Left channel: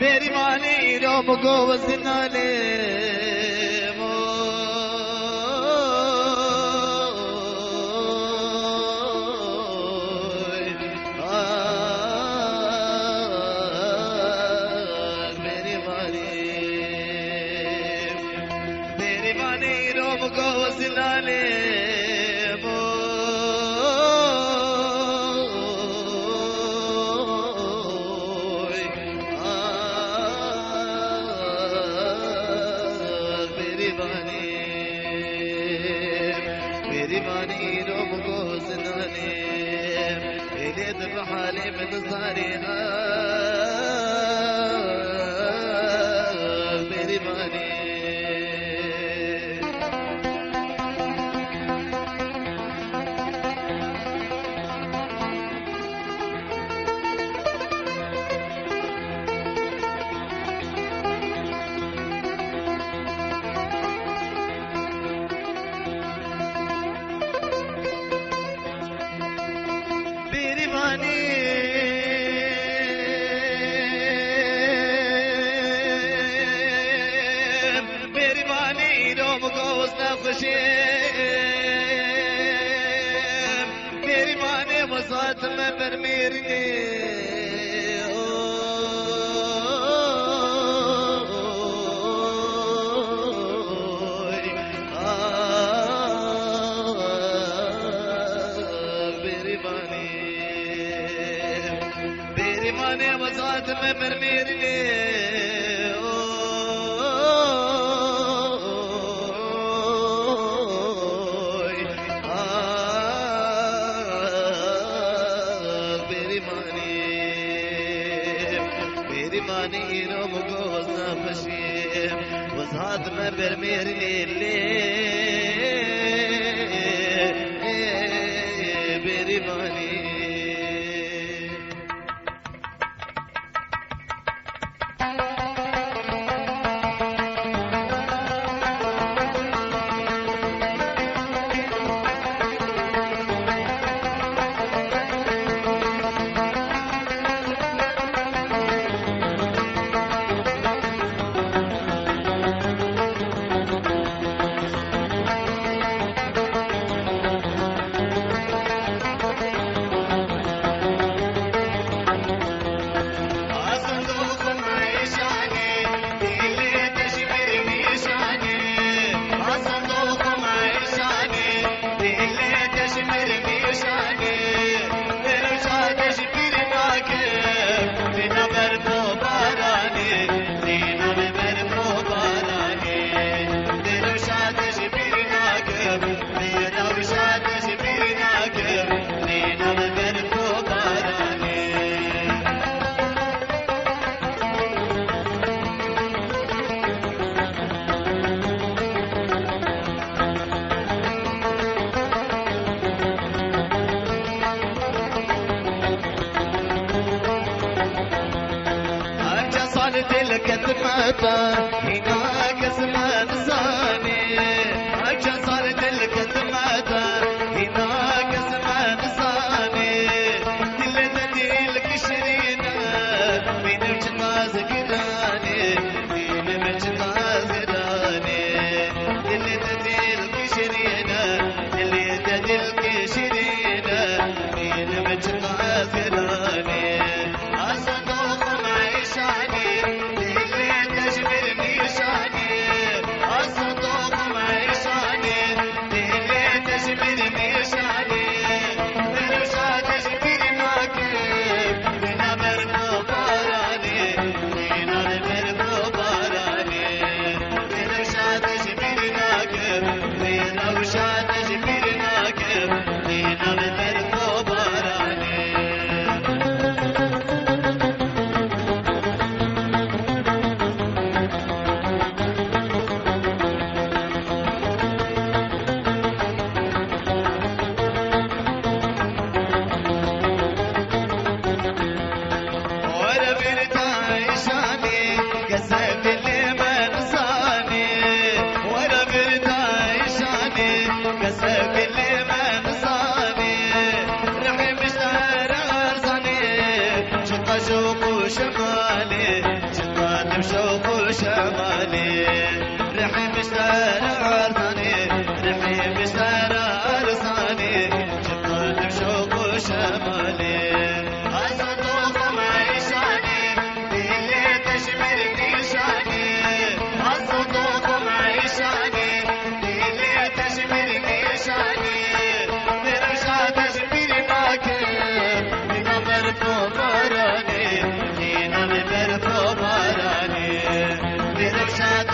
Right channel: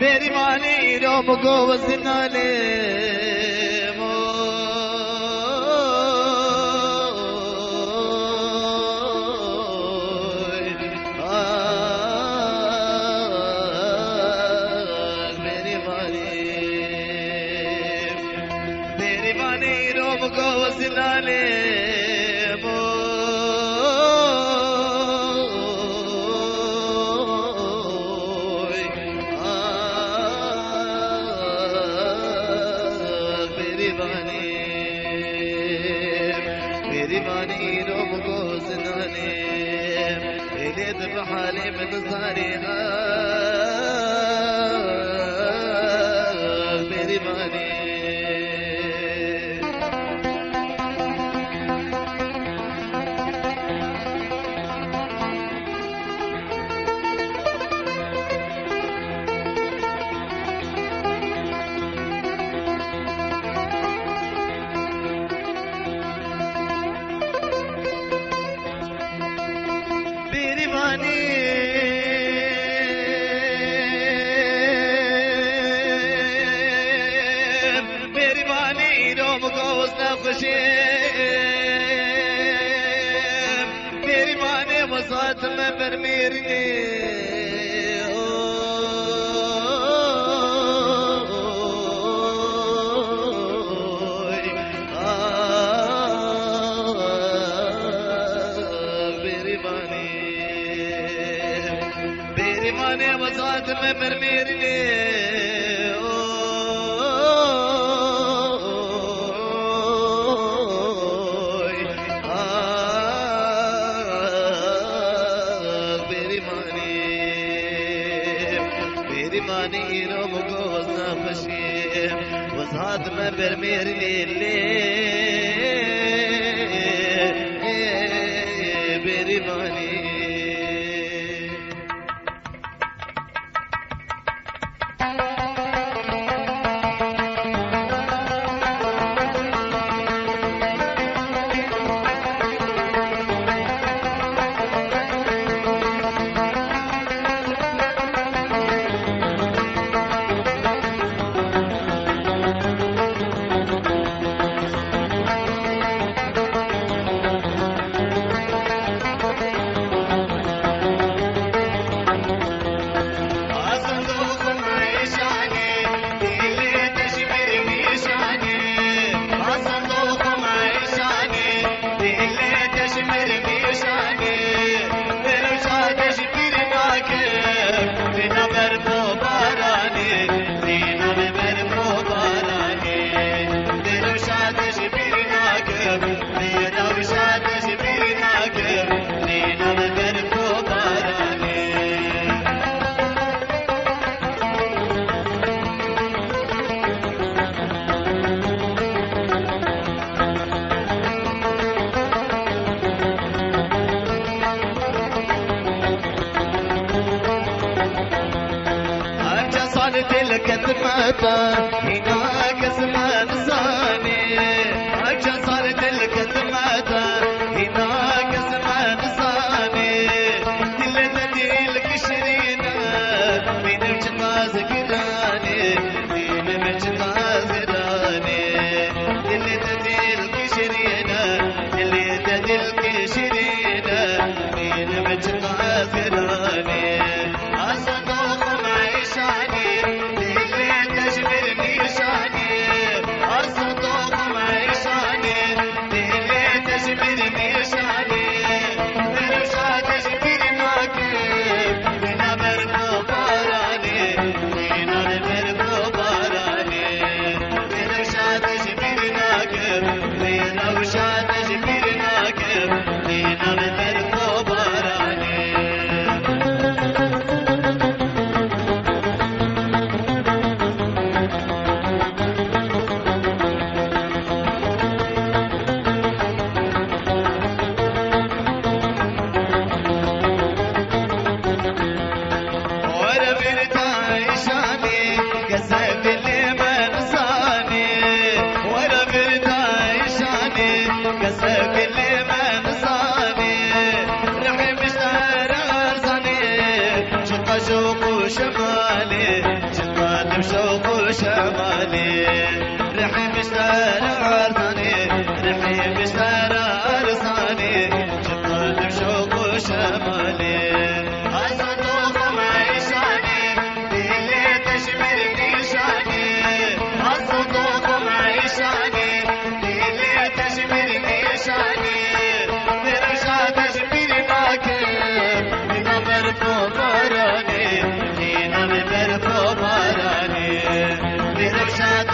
بيرماني لو مقوز النالي بيرماني لو مقوز النالي بيرماني لو مقوز النالي إليد بحالي من صاريها بيرماني بيرماني لو مقوز نفسي بيرماني وصلت من برميري بيرماني وصلت من برميري بيرماني لو مقوز نفسي وصلت من برميري بيرماني تلك المدى هناك المداني أجطر تلك المدى هناك المداني كل دليل كشرينا من الجماد قداني من الجماد قداني كل دليل كشرينا اللي دليل كشرينا من الجماد قداني كسب اللي ما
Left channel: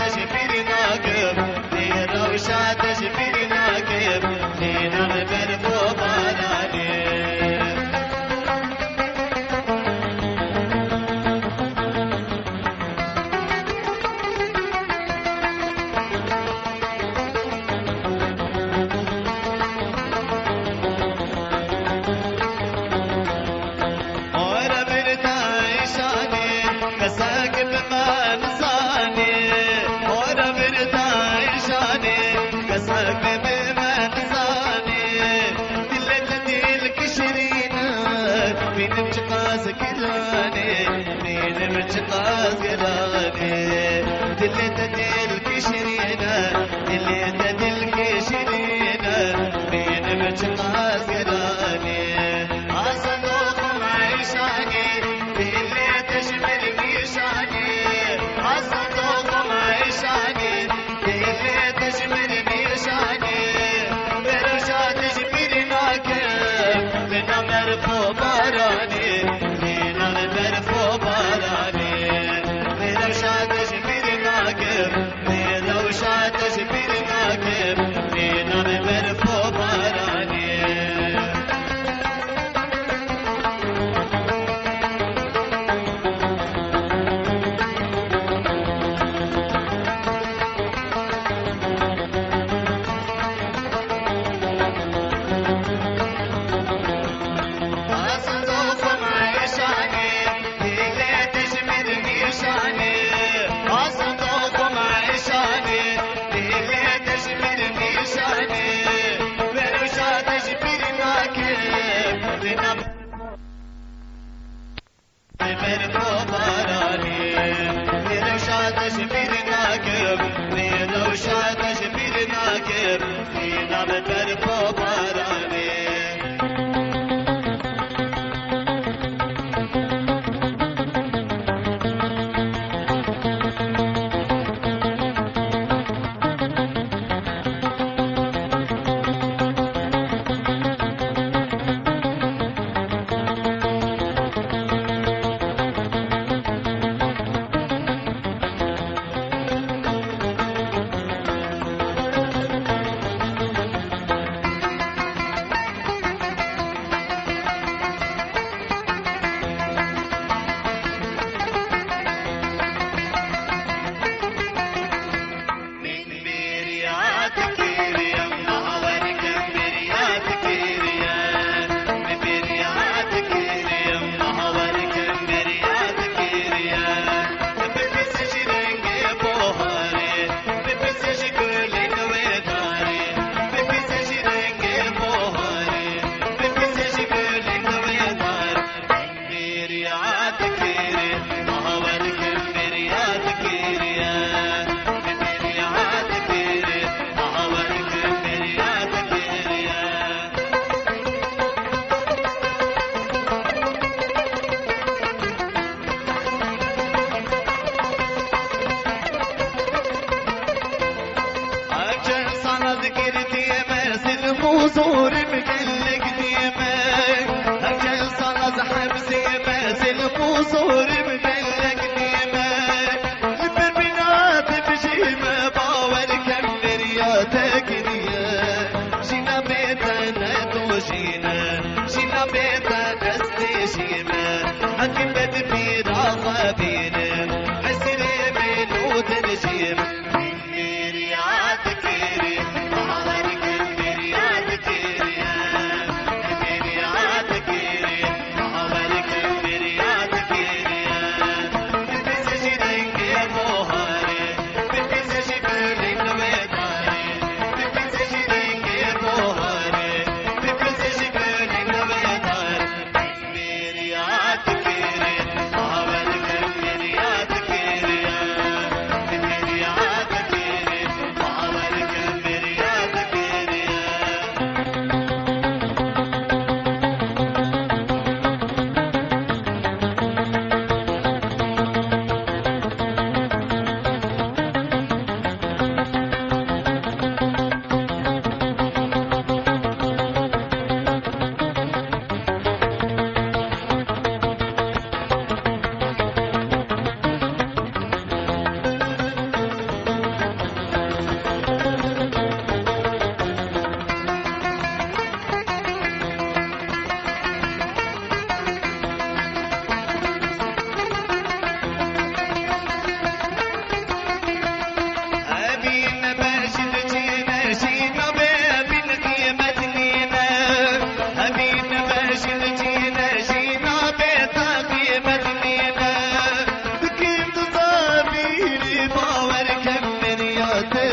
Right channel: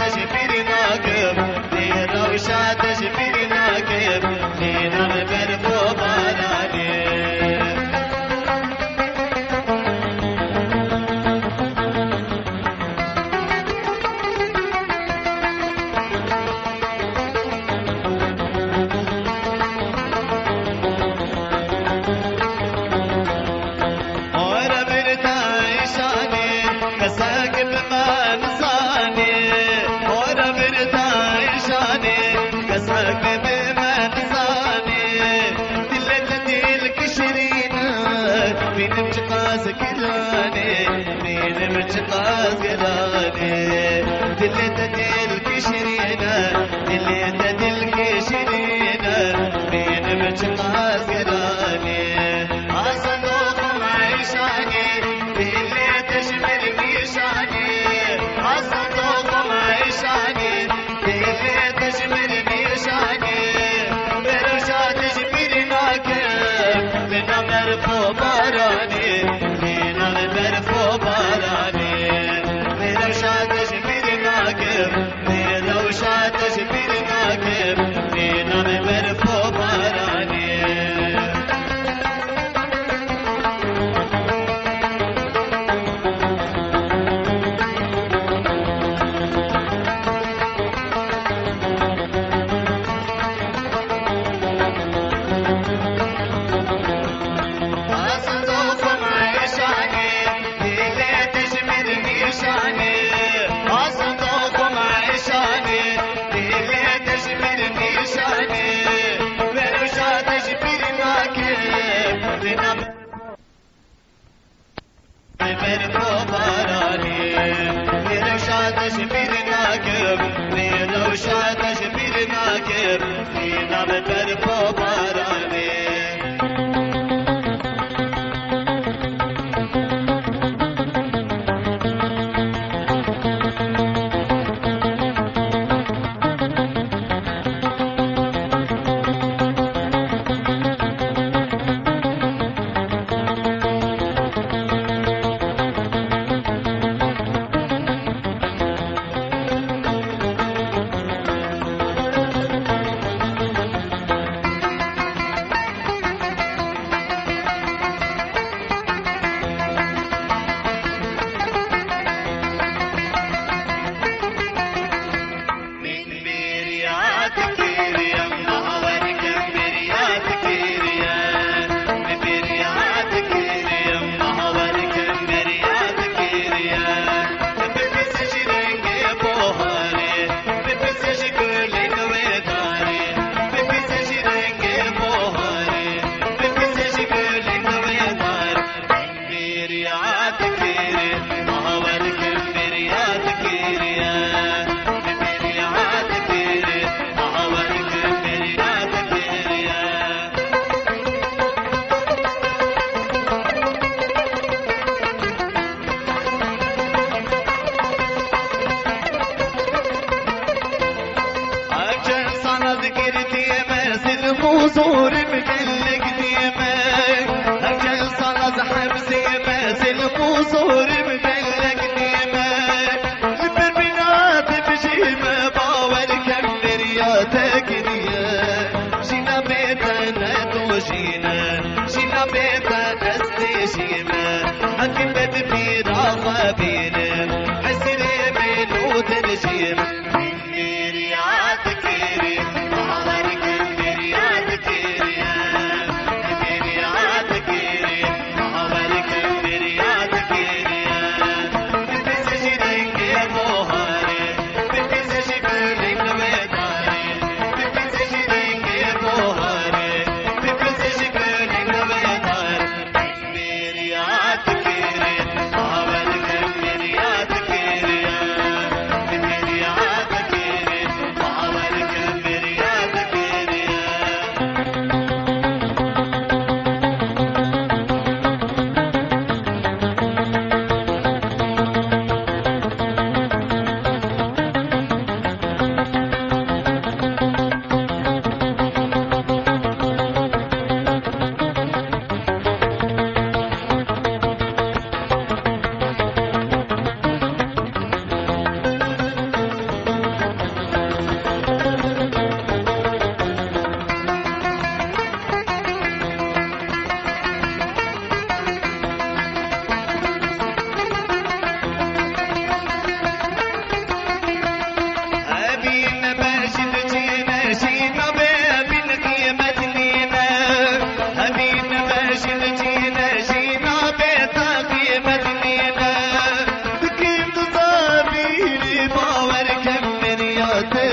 تجبرناكم لينا وشا تجبرناكم لينا نبربو باراني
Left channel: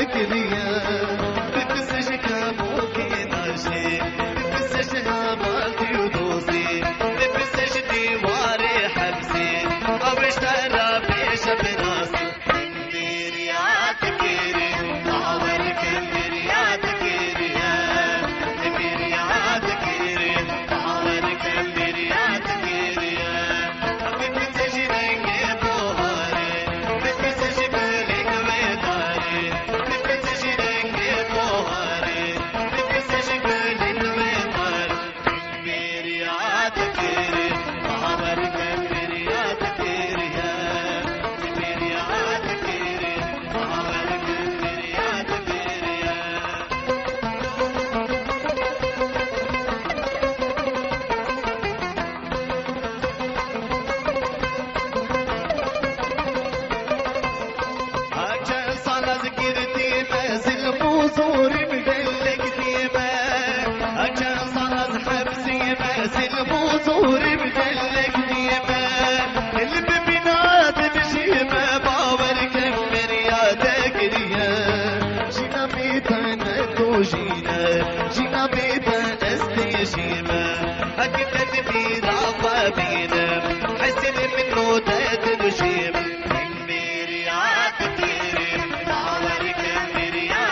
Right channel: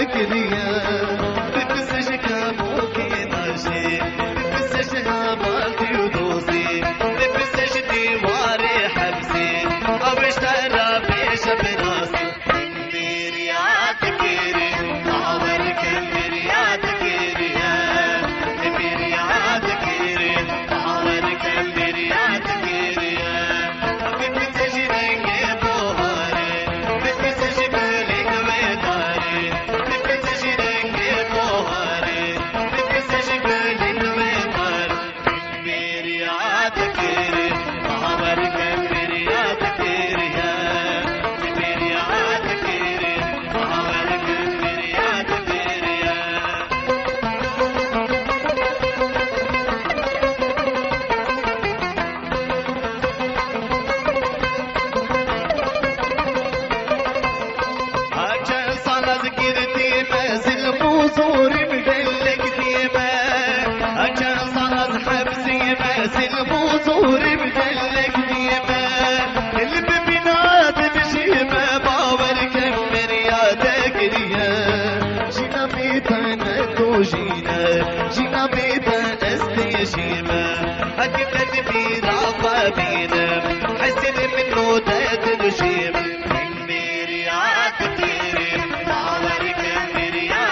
تكريا بتشك ابوكي ناشي بتشك باقي ودوسي بتشك ديواري حبتي او اشترى في شبناتي ميريات كيري عمرك ميريات كيري ميريات كيري عمرك ميريات كيري صوري مدلك ديما أكان صاد حبسي ماسل بوصوري مدلك ديما اللي بنات بشيمة باور كمر يا تكريا جينا بيتنا توجينا جينا بيتنا سيشيما أكلت بينا بابينا حسن منو تدرشيم ميريات كريم باور كمر يا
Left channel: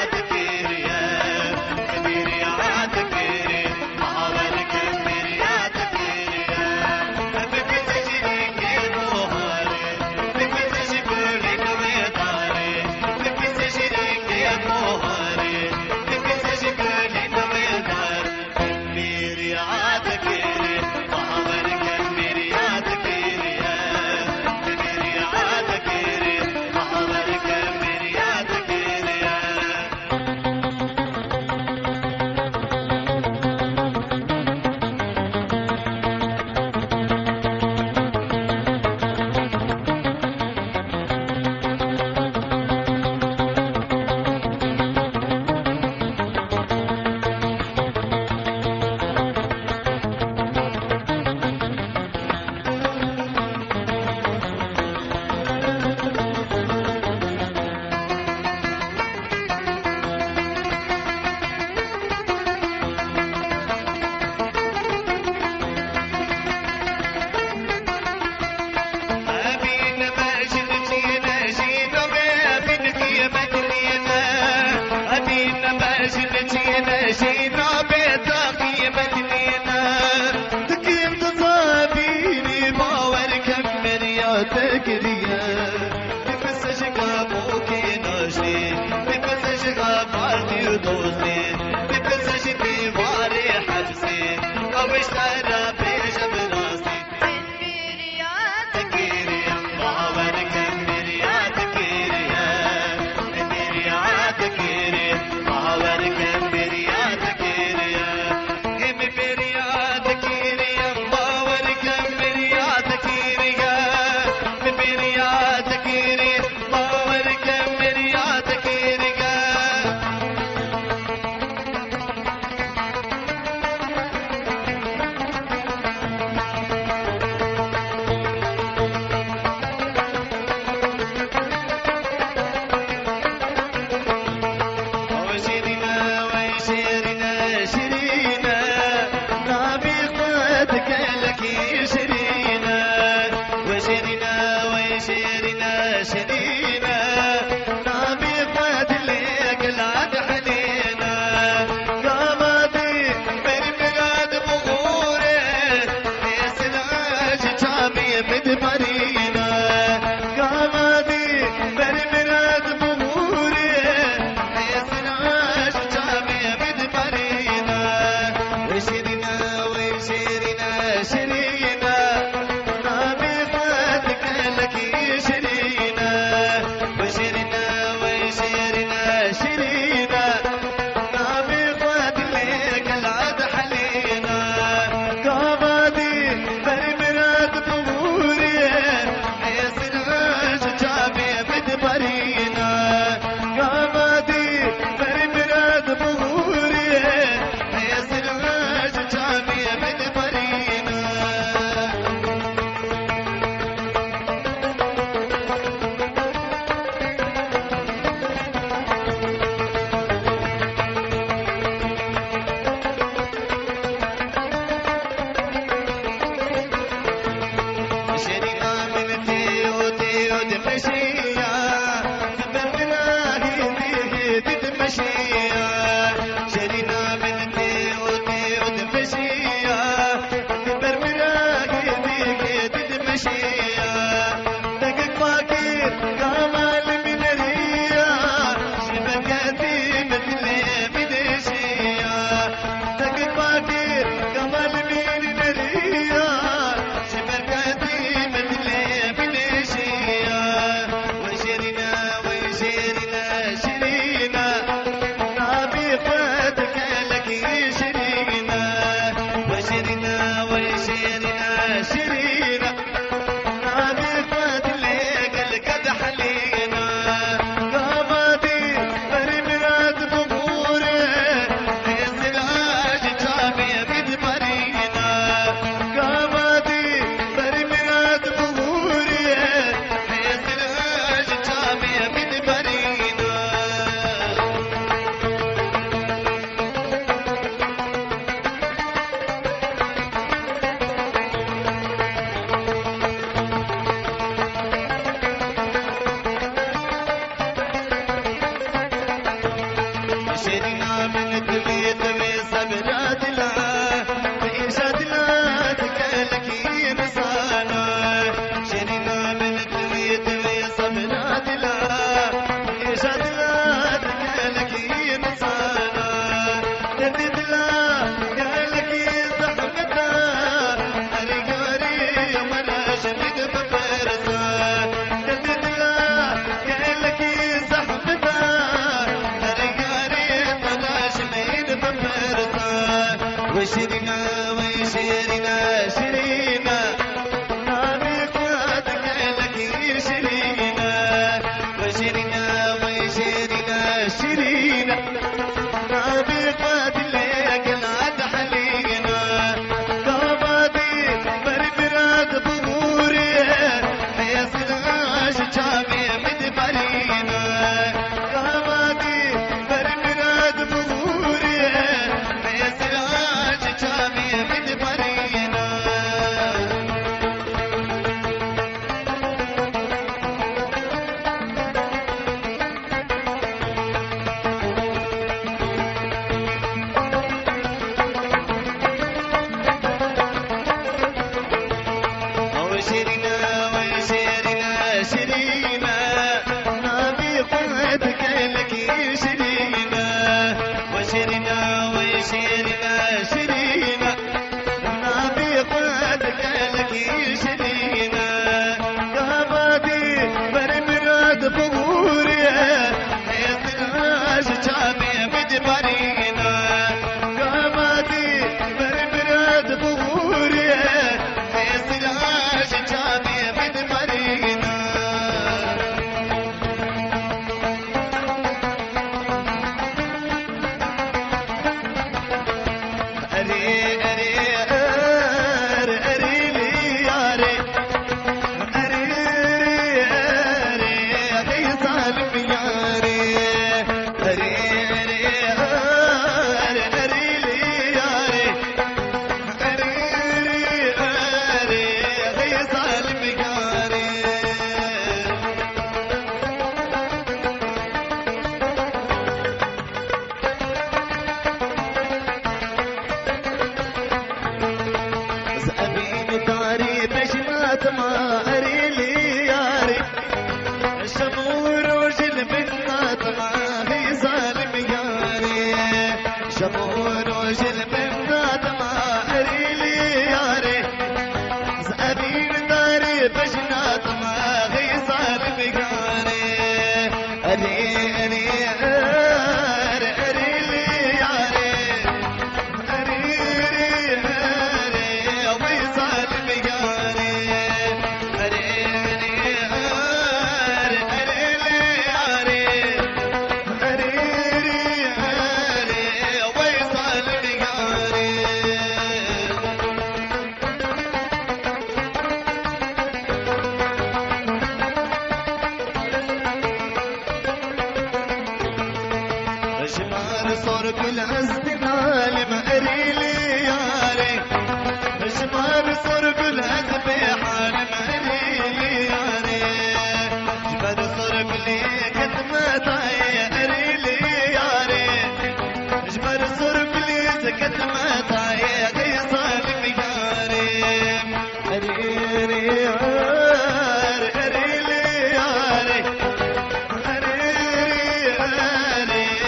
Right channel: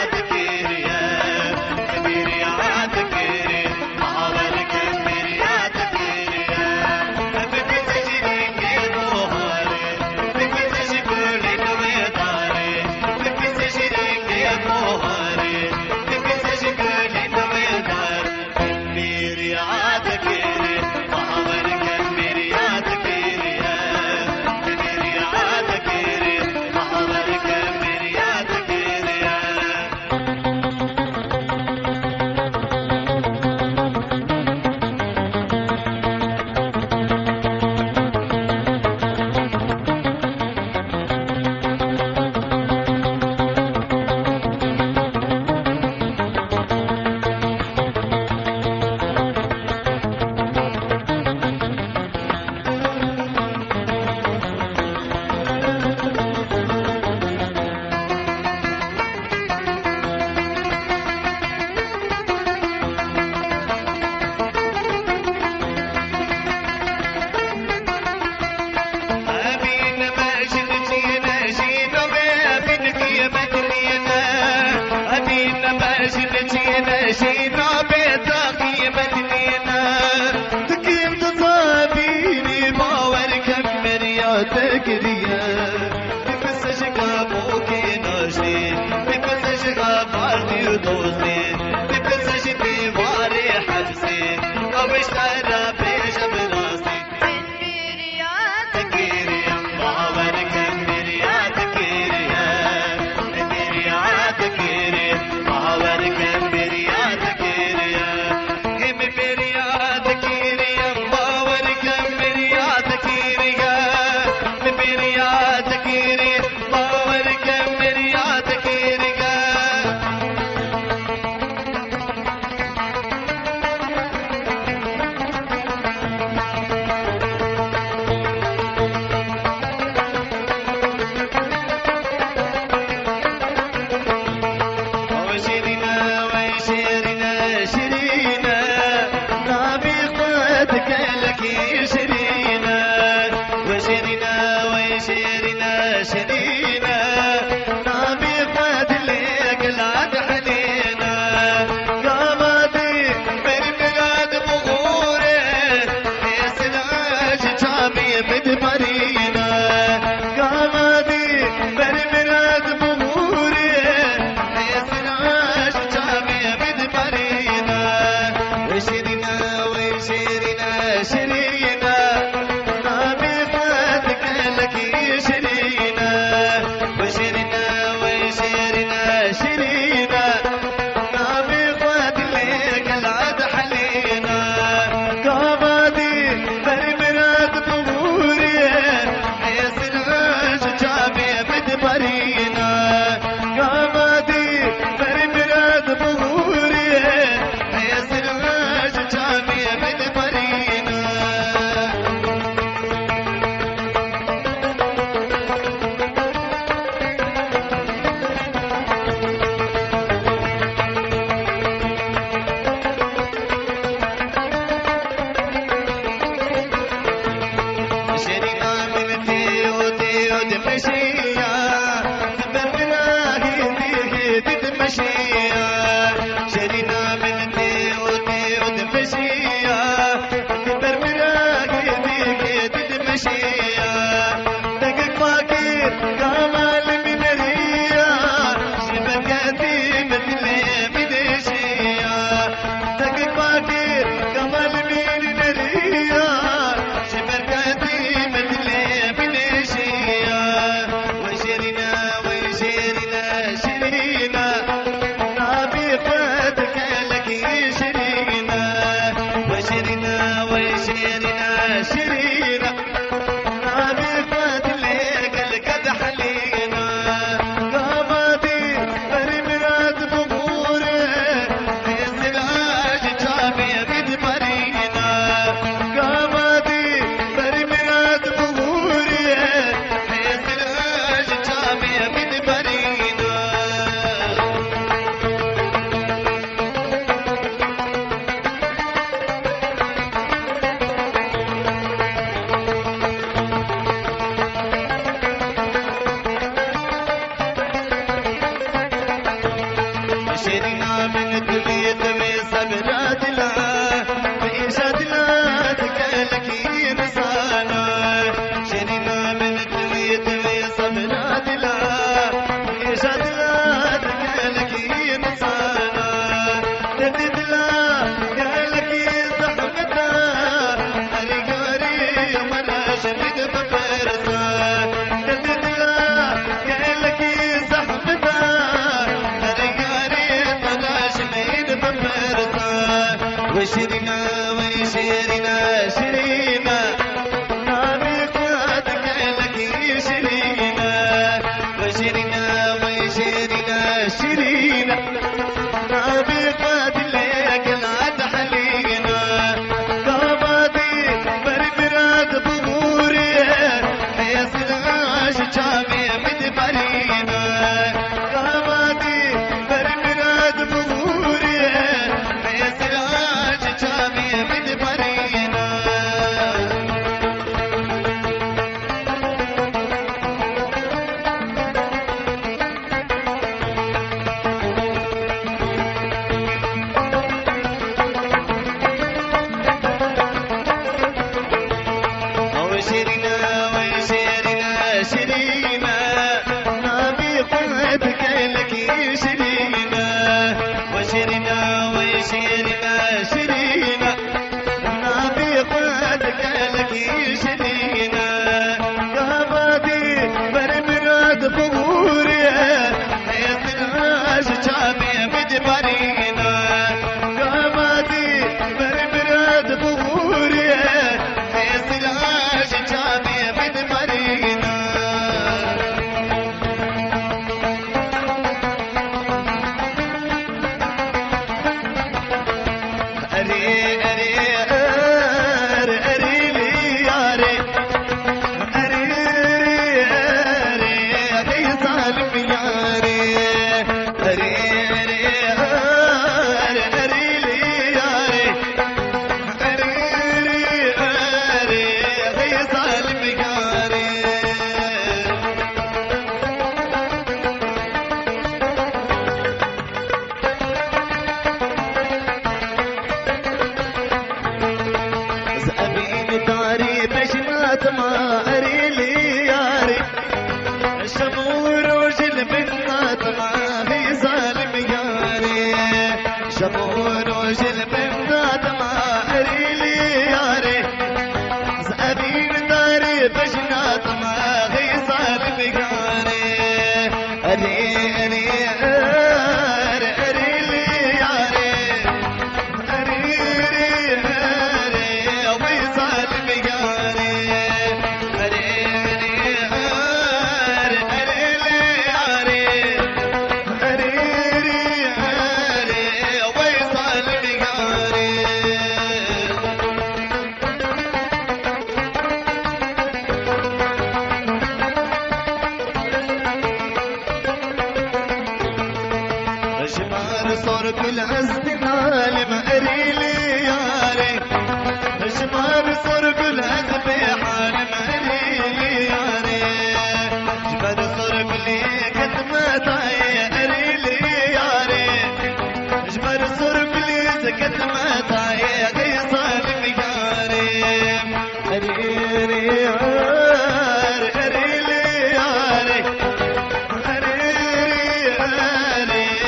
شينا بيتاقي مدينة تكيم تطابيني باور كمر يا تكريا بتشك ابوكي ناشي بتشك باقي ودوسي بتشك ديواري حبسي او اشترى في شبناتي ميريات كيري باور كمر يا تكريا ميريات كيري باور كمر بركاتي مثل بدشيا تقي باقي كمال من نريا بركاتي مثل بدشيا وشيرنا وشيرنا شيرنا نبي فتك لك شيرنا وشيرنا وشيرنا شيرنا نبي فتك لك الحلينا قابضي برمرات بموره مثل العاج جامي بدمرينا قابضي برمرات بموره مثل العاج جامي بدمرينا شيرنا من تبيت من سبرات لا بإيجاد لا تكالك ينسانا شيرنا من تبيت من سبرات لا بإيجاد لا تكالك ينسانا جدد لا كالك زحمتا أريقاري ومنا جدد بفرتا جدد لا كالك زحمتا وشيرنا وشيرنا شيرنا نبي فاتك لك شيرنا وشيرنا وشيرنا شيرنا نبي فاتك لك العدحلينا قابضي بربرات بموري حيصل عاش جامي مدبرينا قابضي بربرات بموري حيصل عاش جامي مدبرينا وشيرنا وشيرنا شيرنا نبي فتك لك شيرنا وشيرنا وشيرنا شيرنا نبي فتك لك شيرنا قابضي برمرات بموري حيث العاش جامي مدبرينا قابضي برمرات بموري حيث العاش جامي مدبرينا أري أري أري لي ياري أري أري أري ظالم ياري أري أري أري لي ياري أري أري أري ظالم ياري أبين داري بجنات ما أري لي ياري شمور وجل بنات ما هي ظالم ياري شمور وجل بنات ما أري لي ياري أبين داري بجنات ما هي ظالم ياري أري أري أري لي ياري أري أري أبي ظالم ياري أري أري لي ياري أري أري أبي ظالم ياري أجمال صرف الأزمال ما أري لي ياري أجمال صرف الأزمال ما أري لي ياري أجمال صرف لي كتمة أري لي ياري أجمال صرف لي كتمة أري ظالم ياري أري أري لي ياري أري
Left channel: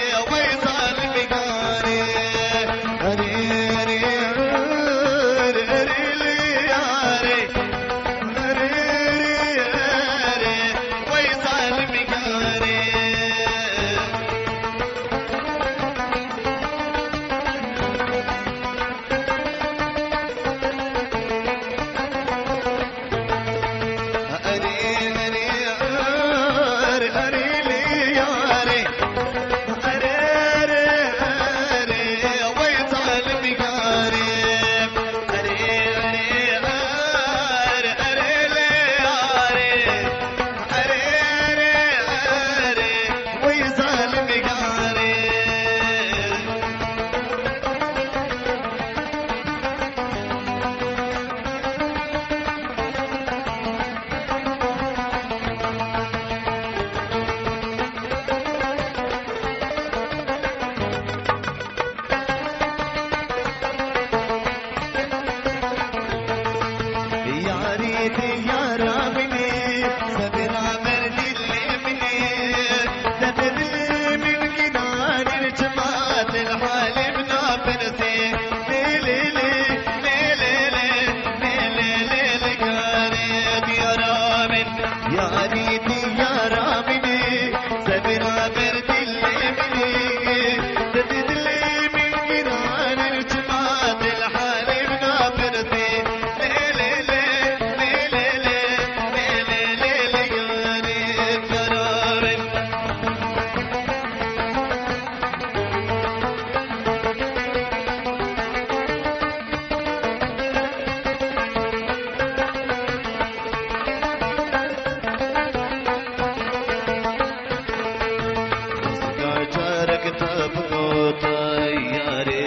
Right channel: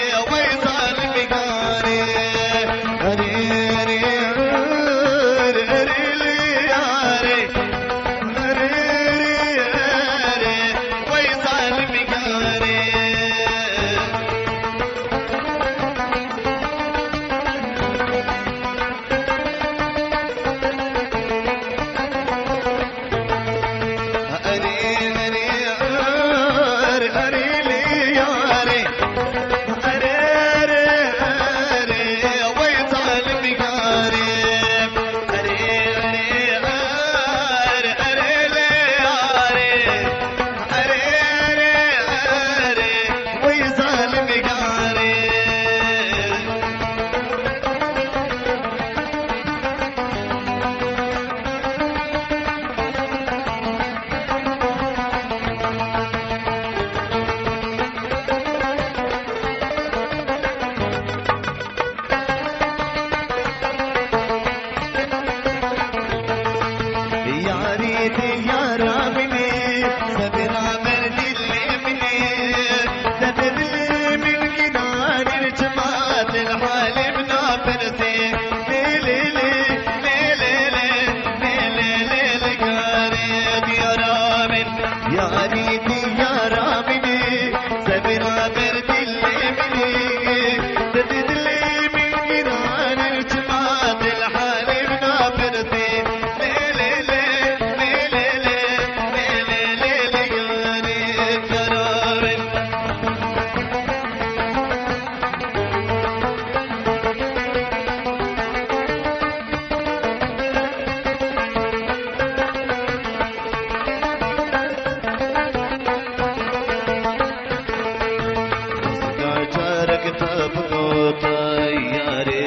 كتاب قوطي ياري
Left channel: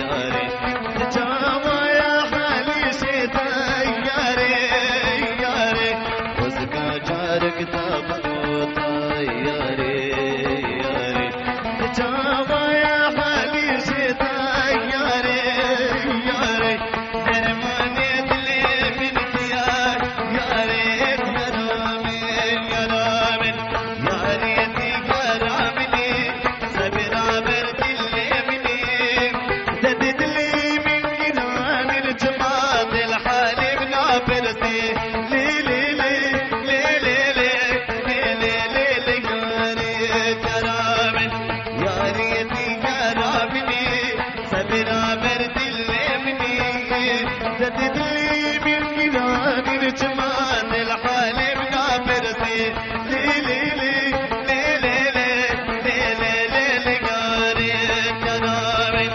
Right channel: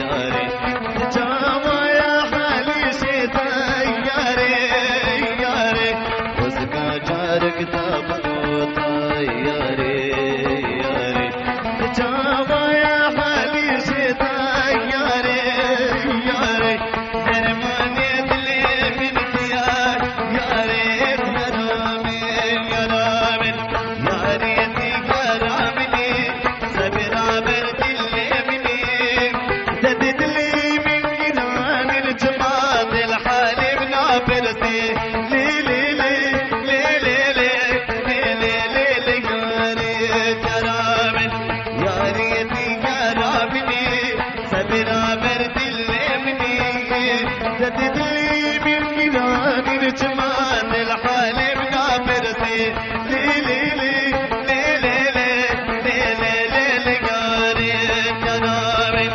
ياري جاوا يا حالي سيدي ياري ياري وزكا جار كتاب قوطي ياري ياري جاوا يا حالي سيدي ياري ياري درماني دلي من ديار ياري درامي درامي ياري درامي سبرا بردلي مني زددلي من جنان الجمال الحالي بلا برسي لي لي لي لي لي لي لي لي لي ياري درامي ياري درامي سبرا بردلي مني زددلي من جنان الجمال الحالي بلا برسي لي لي لي لي لي لي لي لي لي ياري درامي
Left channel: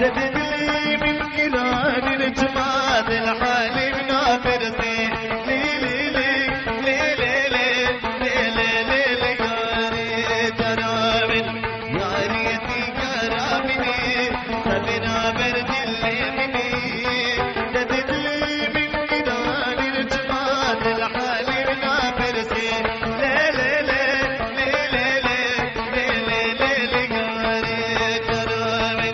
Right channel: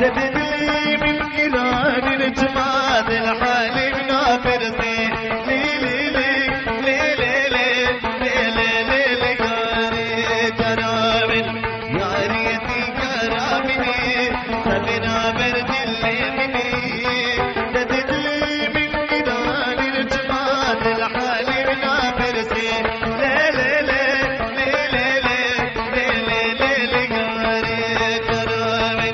زددلي من جنان الجمال الحالي بلا برسي لي لي لي لي لي لي لي لي لي ياري درامي ياري درامي سبرا بردلي مني زددلي من جنان الجمال الحالي بلا برسي لي لي لي لي لي لي لي لي لي ياري درامي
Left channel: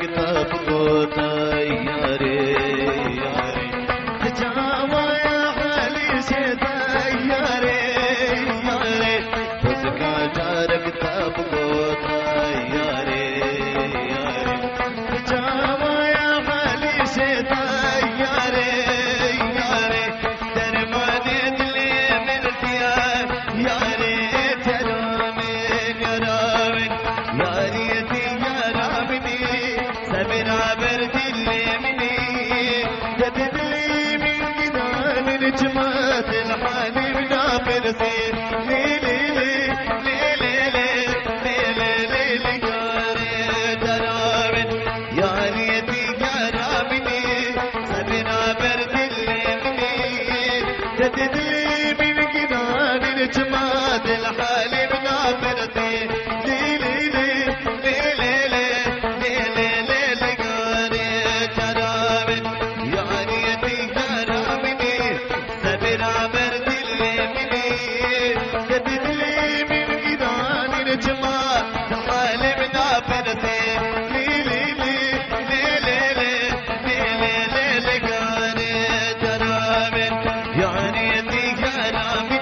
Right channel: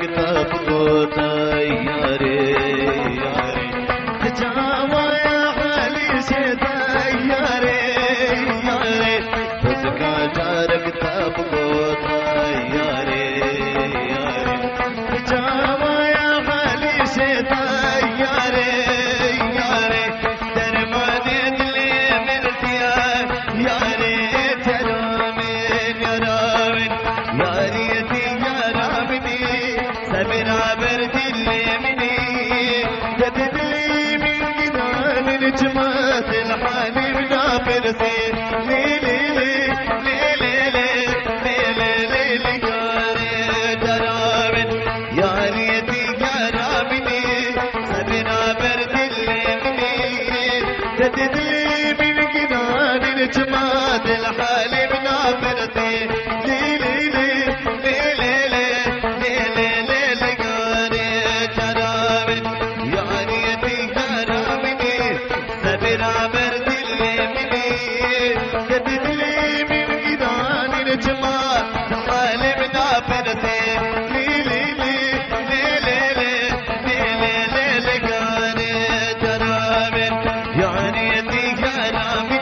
كتاب قوطي ياري ياري جاوا يا حالي سيدي ياري ياري وزكا جار كتاب قوطي ياري ياري جاوا يا حالي سيدي ياري ياري درماني دلي من ديار ياري درامي درامي ياري درامي سبرا بردلي مني زددلي من جنان الجمال الحالي بلا برسي لي لي لي لي لي لي لي لي لي ياري درامي ياري درامي سبرا بردلي مني زددلي من جنان الجمال الحالي بلا برسي لي لي لي لي لي لي سبرا بردلي مني زددلي من جنان الجمال الحالي بلا برسي لي لي لي لي لي لي لي لي لي ياري درامي ياري درامي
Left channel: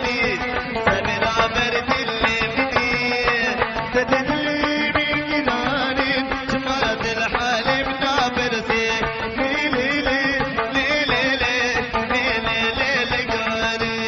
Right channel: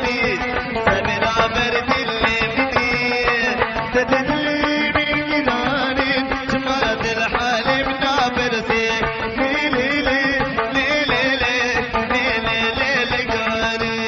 سبرا بردلي مني زددلي من جنان الجمال الحالي بلا برسي لي لي لي لي لي لي لي لي لي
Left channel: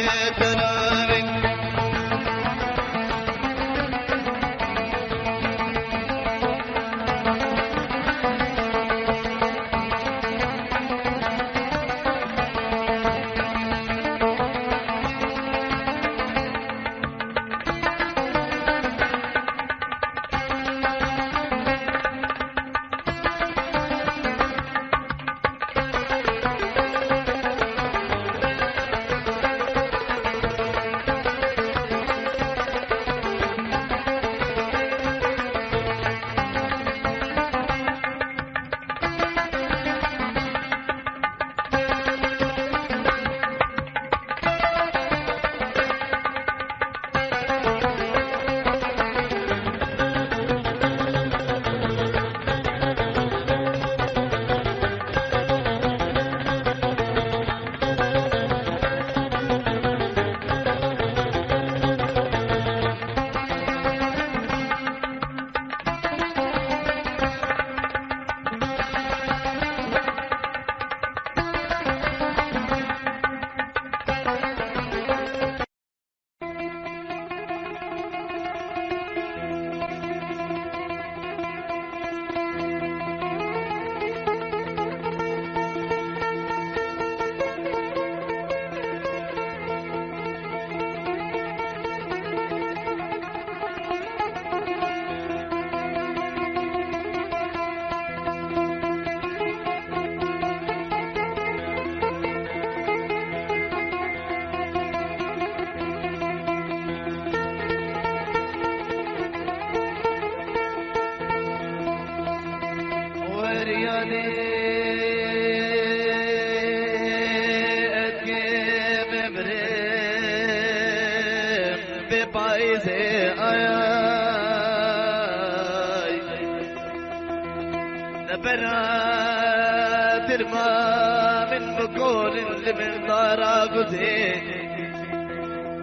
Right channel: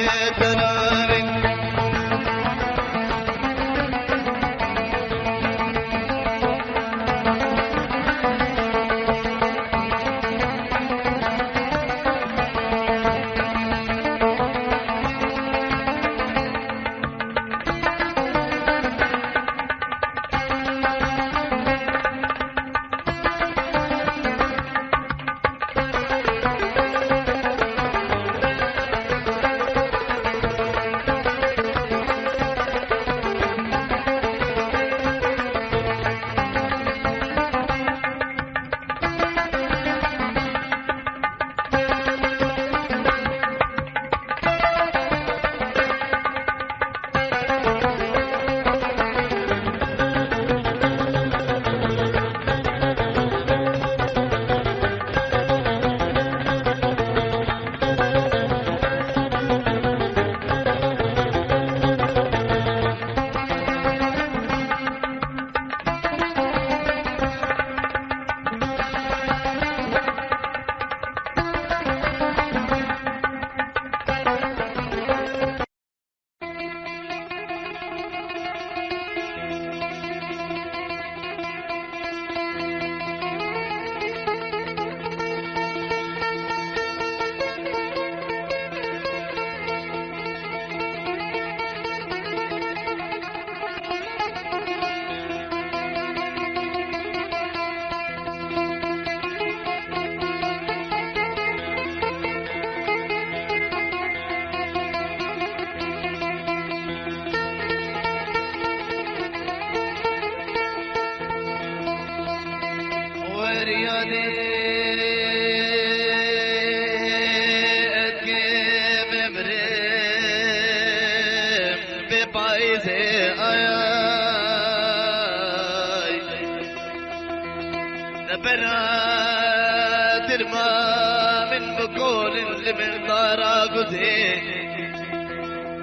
لمن طارا قدي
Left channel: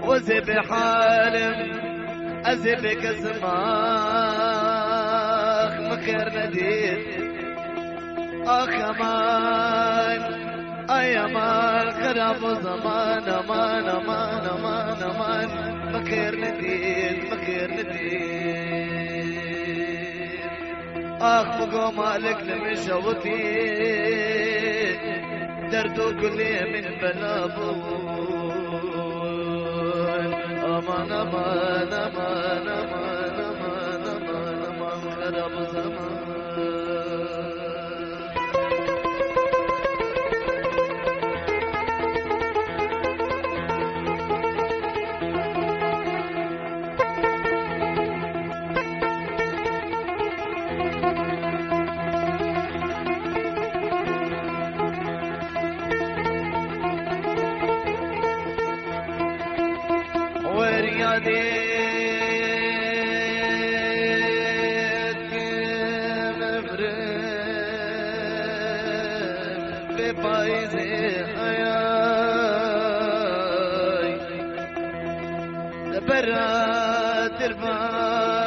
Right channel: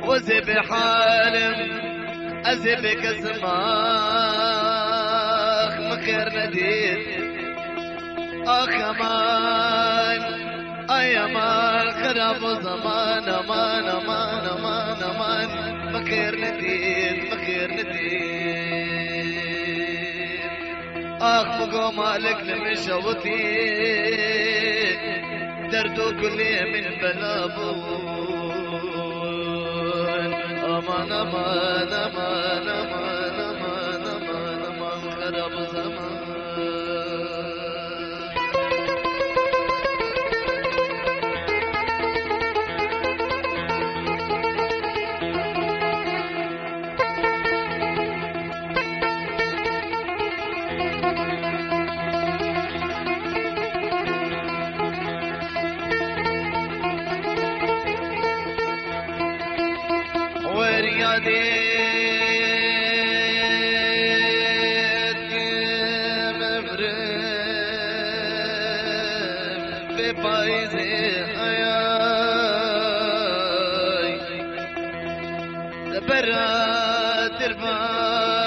وزب حالم أزب كسماخ مخير ندير أخمان أيمان خراب زمان أمان أمان أمان أمان مخير ندير مخير ندير أخ بقو مالك لمشوتي دردو كلي من بلابون أمان أمان أمان أمان أمان أمان أمان خراب زمان ورياديت مفرق ببايزي اياي برا تربا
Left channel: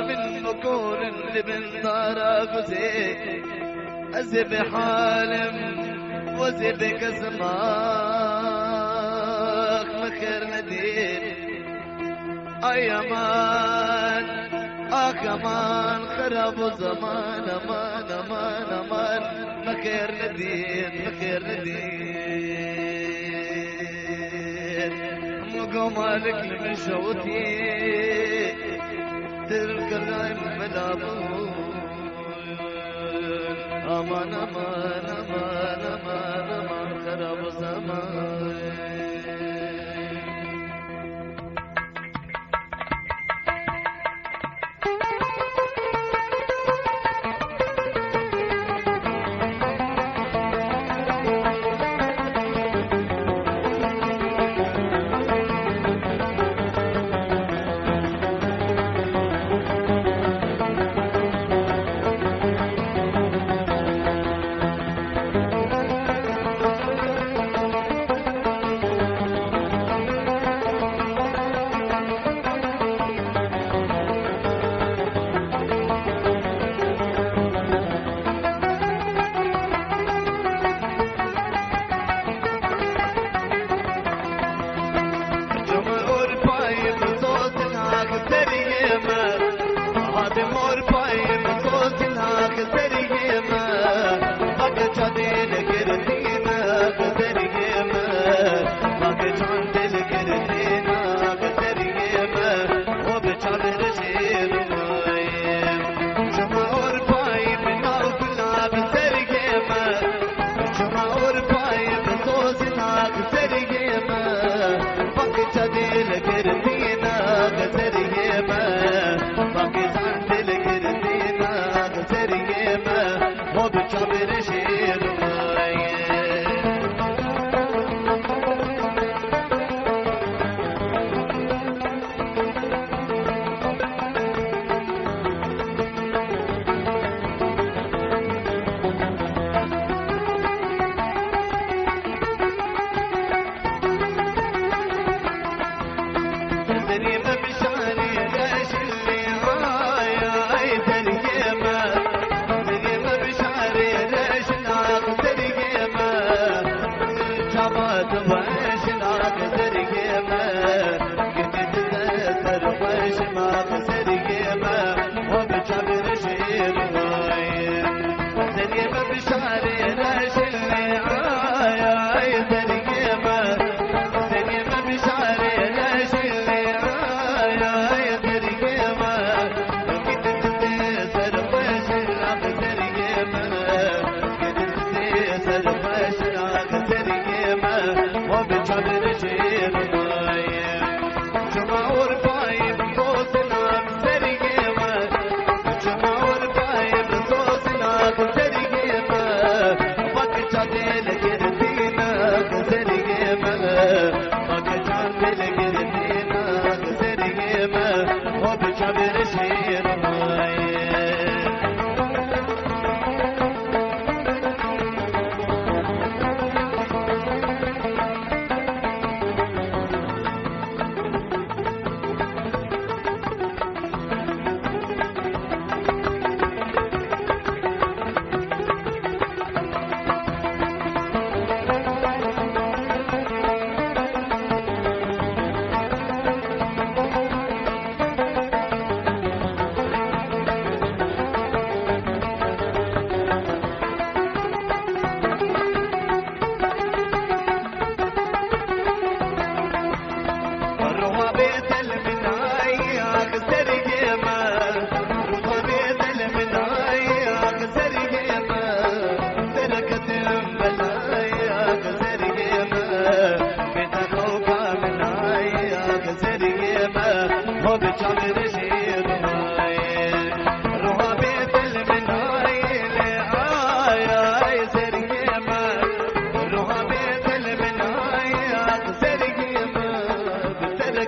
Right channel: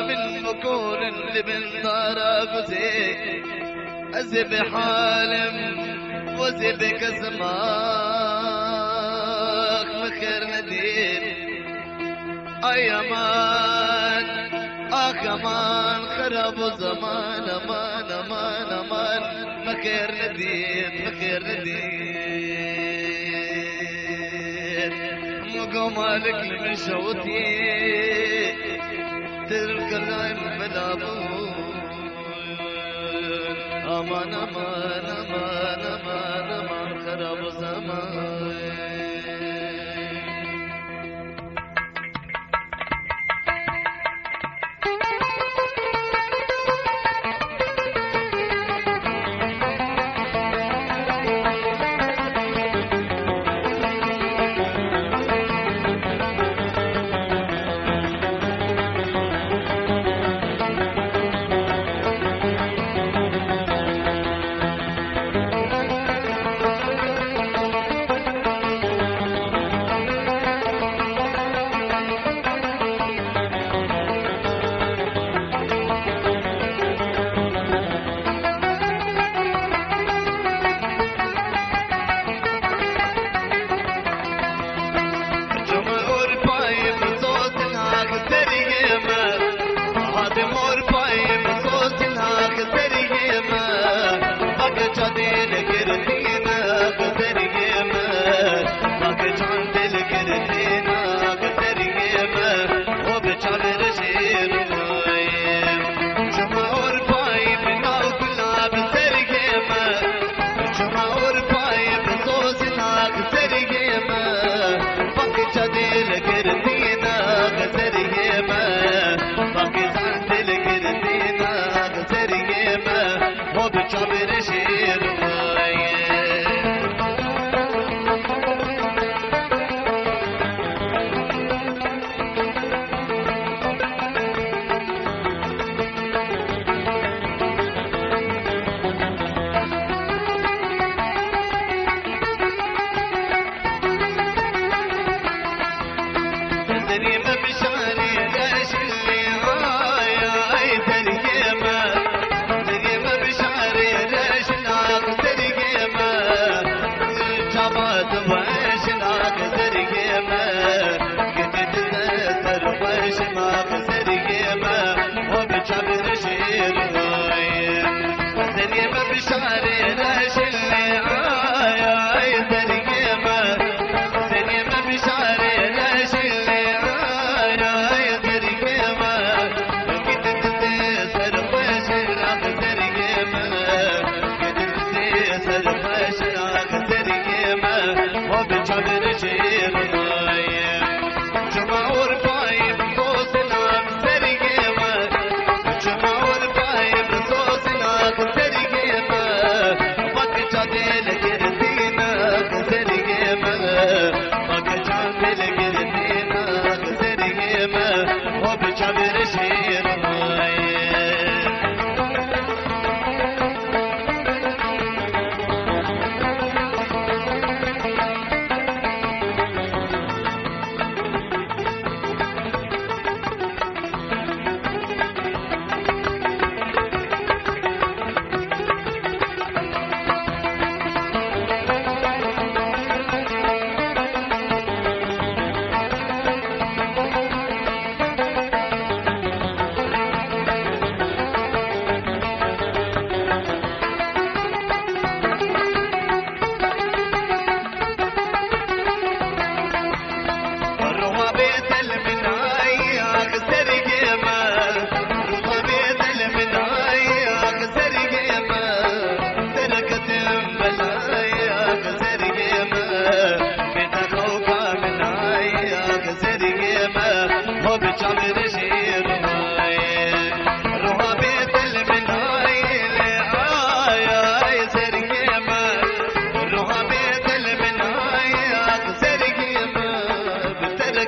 من مكون اللي بنطارا قزي ازب حالم وزب كزماك مخير ندير أيمان أكمان خراب زمان أمان أمان أمان مخير ندير مخير ندير مقو مالك لمشوتي تلك العين بلابون أمان أمان أمان أمان أمان خراب زمان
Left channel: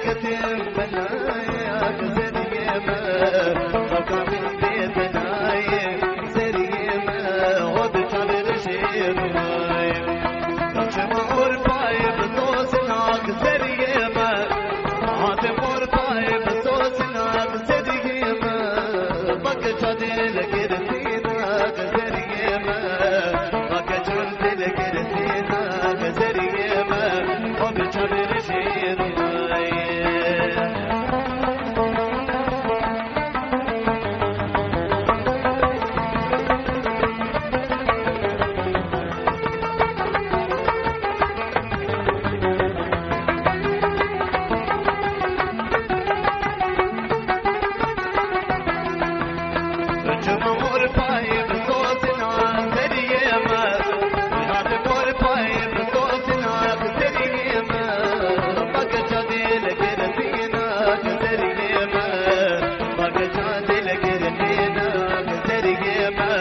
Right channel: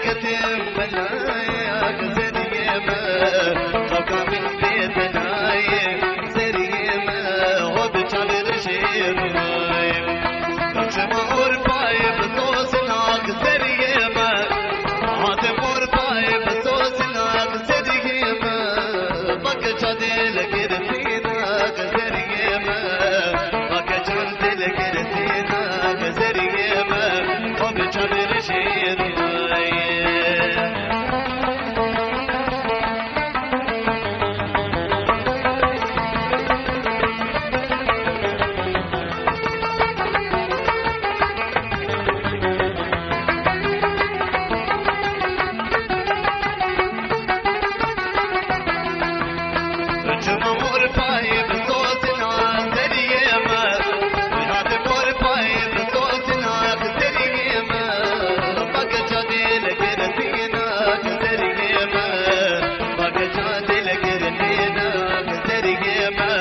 كتم بلاياك زريمة طبقا من بيتناي زريمة وبتعبر شيرناي جمهور بايب توسناك زريمة عادمور بايب توسناك زريمة بقى لك رفيناك زريمة بقى لك رفيناك زريمة وبتعبر شيرناي جمهور بايب صوتنا زريمة وهاتمور بايب صوتنا زريمة بقى لك رفيناك زريمة بقى لك رفيناك زريمة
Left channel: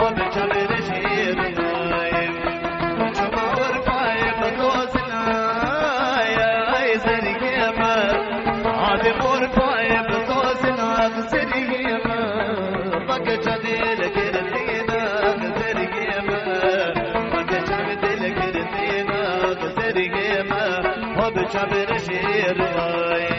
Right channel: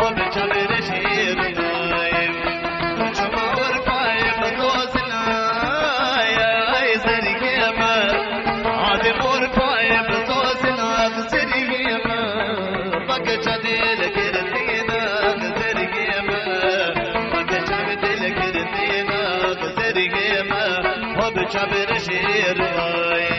وبتعبر شيرناي جمهور بايب صوتنا يا زريمة هاتمور بايب صوتنا زريمة بقى لك رفيناك زريمة بقى لك رفيناك زريمة وبتعبر شيرناي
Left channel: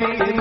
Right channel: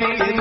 دل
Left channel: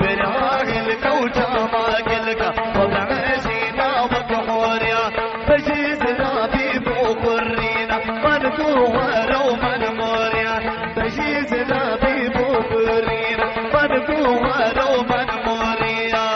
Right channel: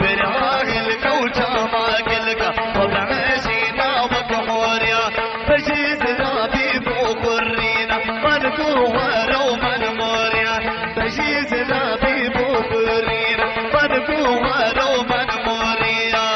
براهل كوتا ما كلك وبعشينا وكحوريا بجيد رابي بوكرينا منكوهر ومن موريا بجيد رابي بوكرينا منكوهر ومن موريا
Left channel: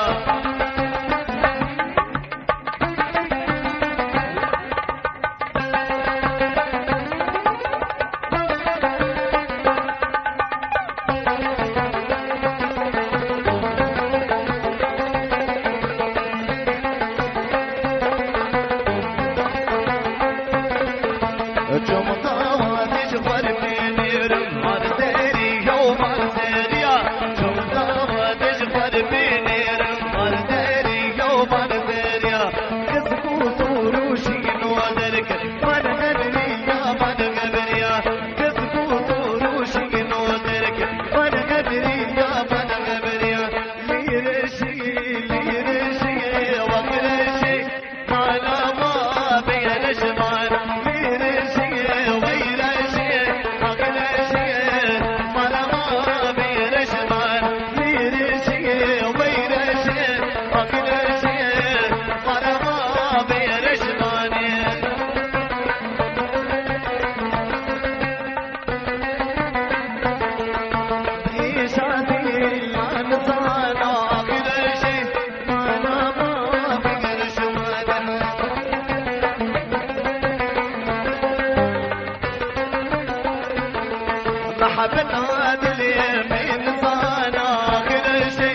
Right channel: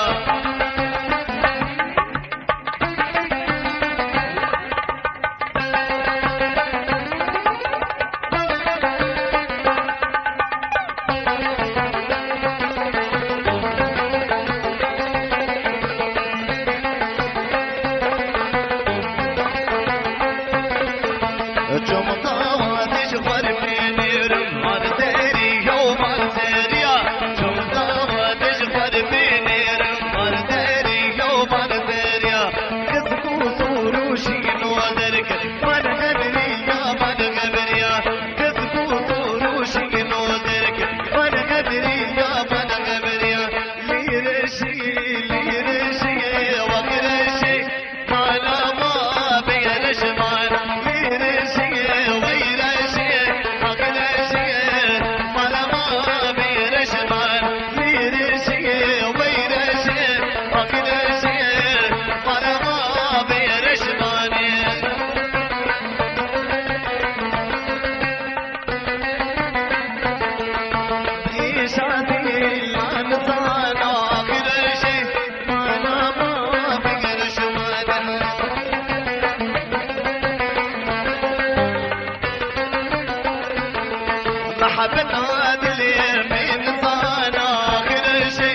محبتنا باليمين طانا آخر شي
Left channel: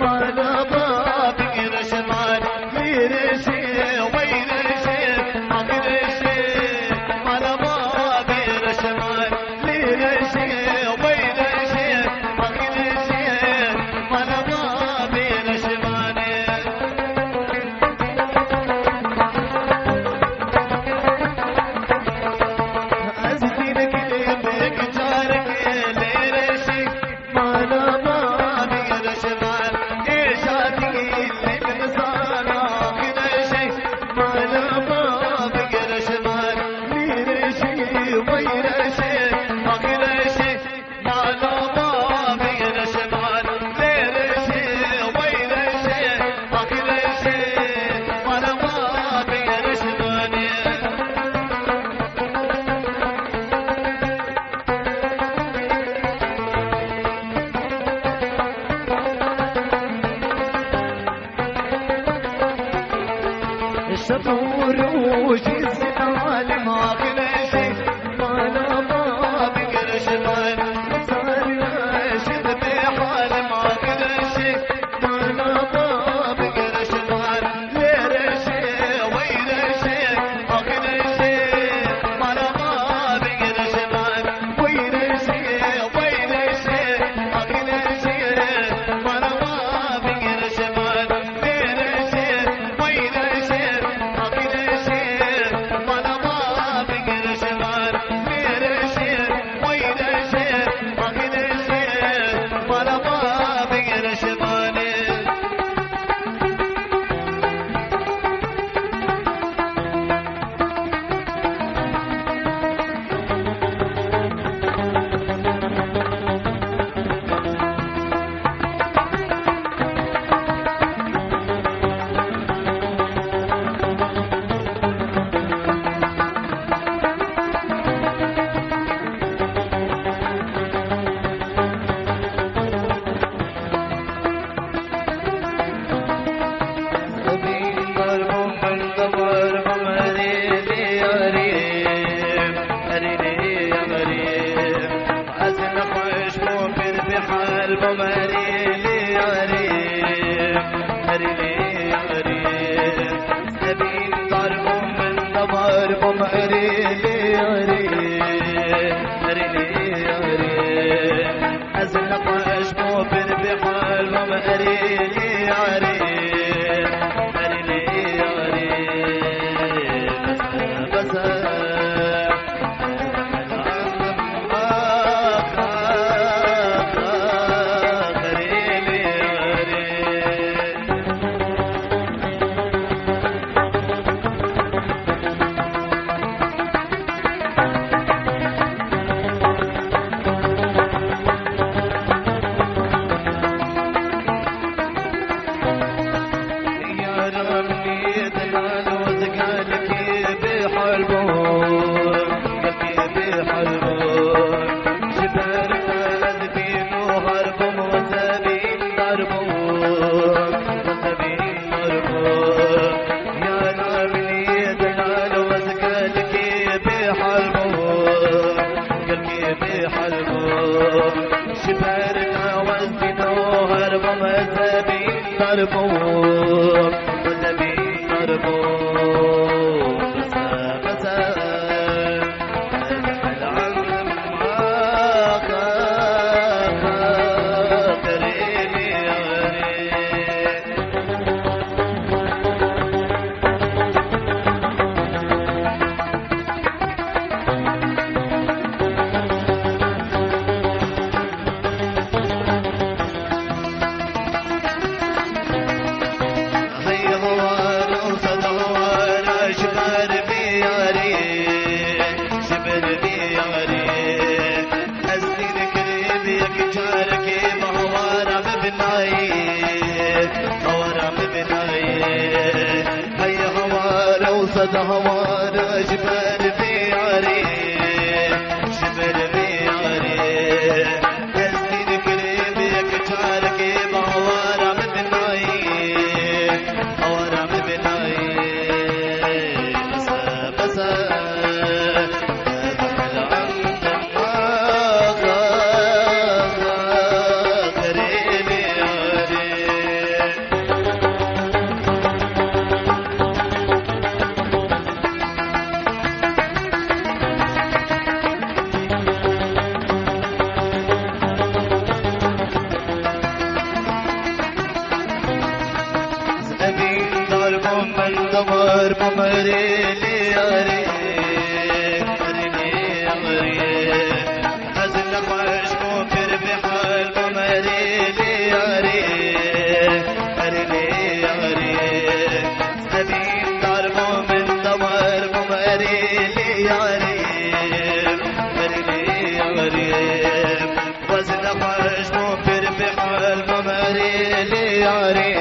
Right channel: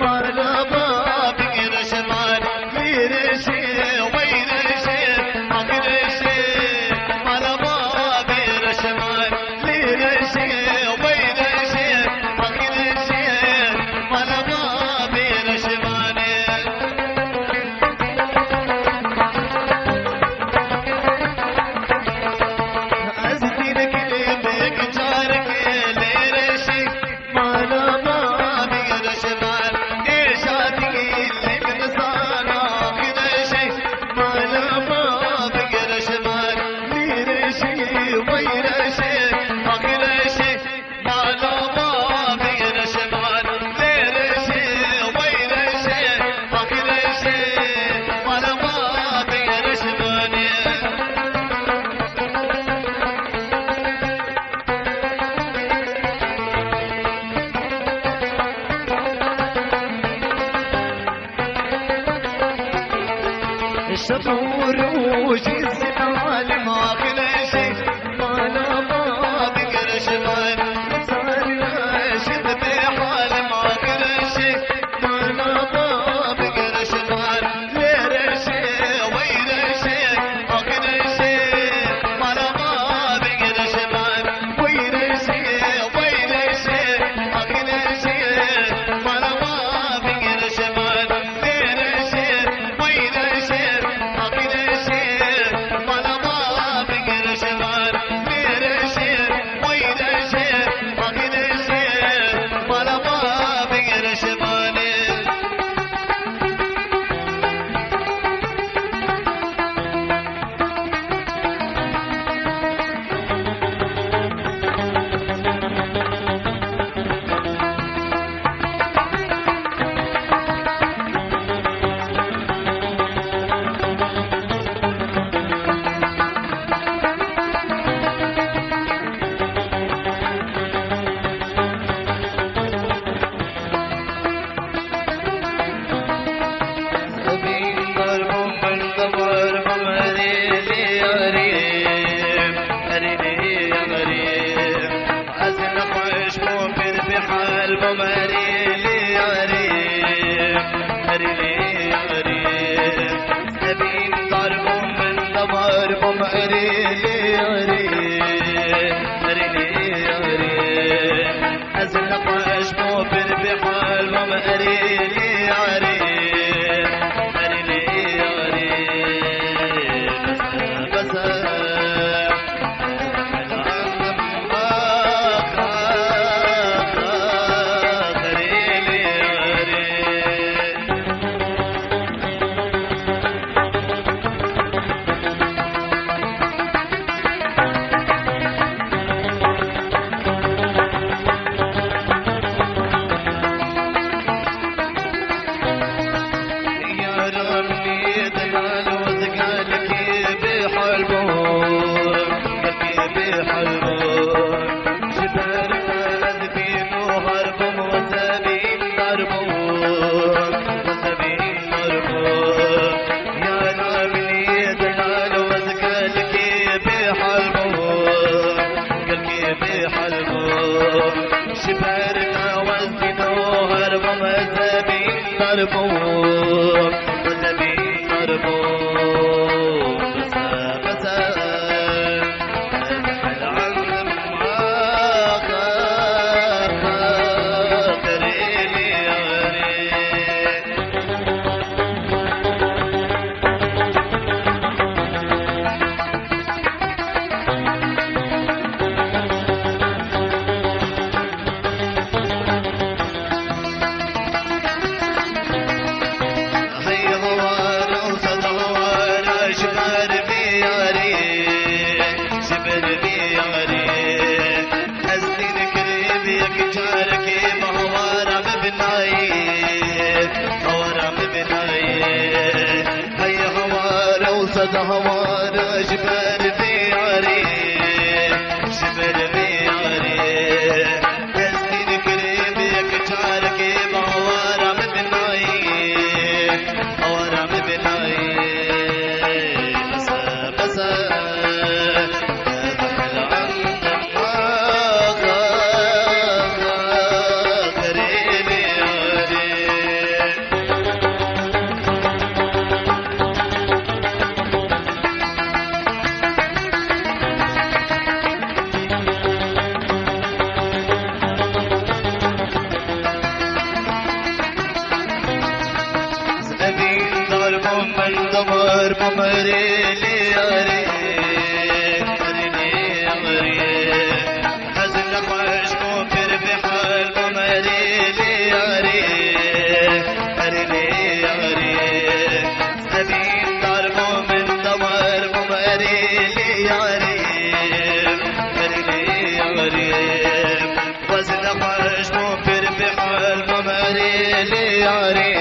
ما لبا بقر شمال غير شي وين شي آخر شي ما لبا بقر شمال غير شي وين شي آخر شي ما لبا بقر شمال الشطور وجيز العالم عقل شيء ما لما بقر شمال صار شد حال عقل شيء ما لما بقر شمال غير شيء وين شيء عقل شيء ما لما بقر شمال وين شيء عقل شيء ما لما بقر شمال غير شيء وين شيء ضربوه والنبي ضربوه بسا العلم صد هوار جبر بياري جبر بياري يزدين كريم يكتارك بوارا مبناي بوارا مبناي بسا بسا دمر ممري لياري حزن نقاش مفر بحال ممري لياري أبين ضربه من دمر ممري لياري وزن نقاش مفر بحال ممري لياري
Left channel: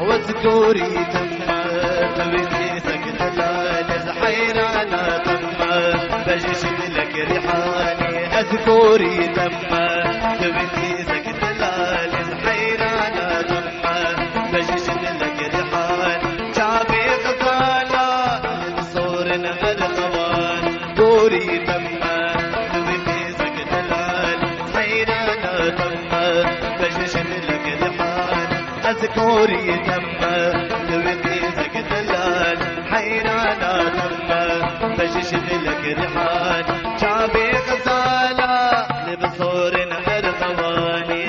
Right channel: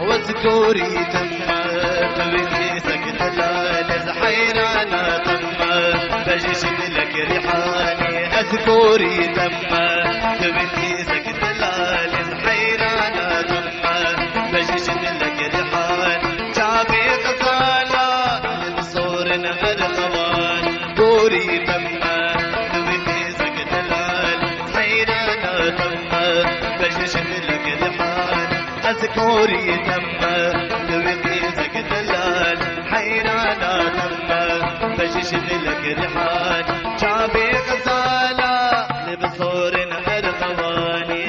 واذكري تما قلبي سكت لالز حيرانا تما بجيش لك ريحاني اذكري تما قلبي سكت لالز حيرانا تما بجيش لك ريحان شعبي غزالة الصور نهر خوان دوري تما قلبي سكت لالز حيرانا تما بجيش لك ريحان أذكري تما لوقتي سكت اللال حيرانا تما بجيش لك ريحان شعبي غزالة لبصور نهر خواني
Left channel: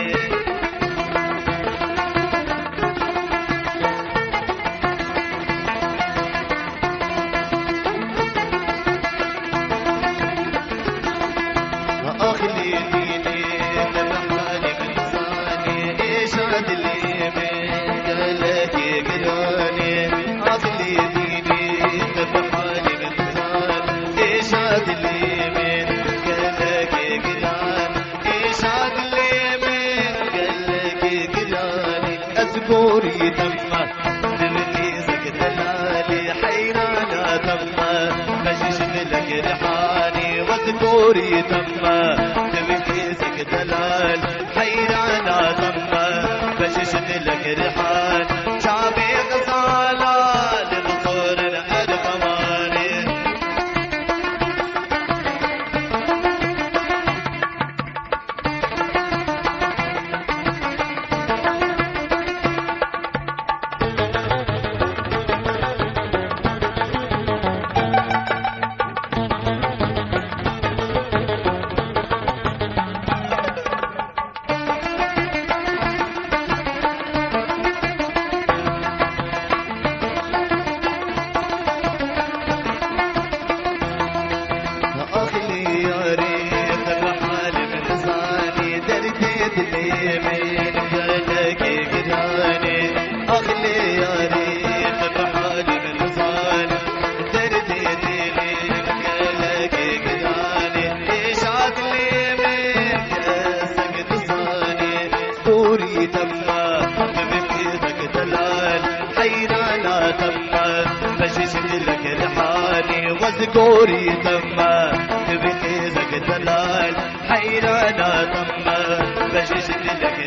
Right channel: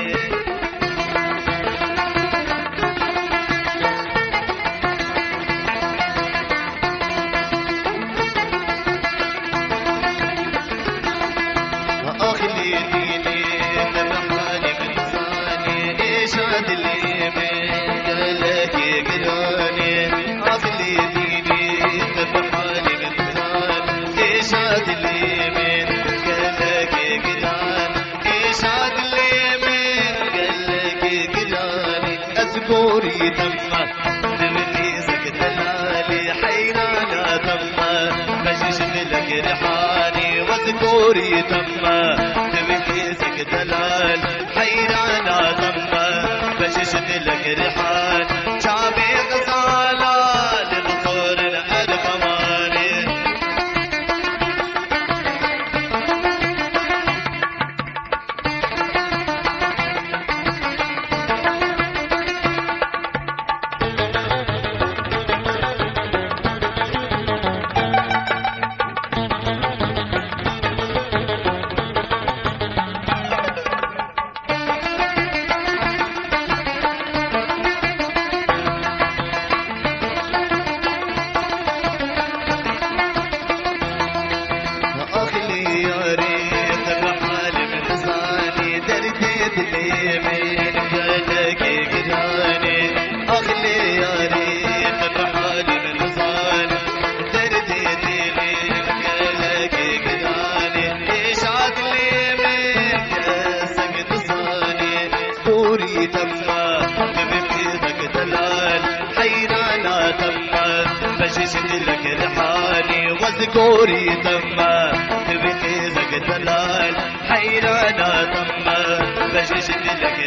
ايش عدلي من قالك يقراني لك ريحاني واذكري تما تبكيتك دلال حيرانا تما بششت لك ريحان شعبي غزالة لمصور الأدماني واذكري تما تبكي لك دلال حيرانا تما بششت لك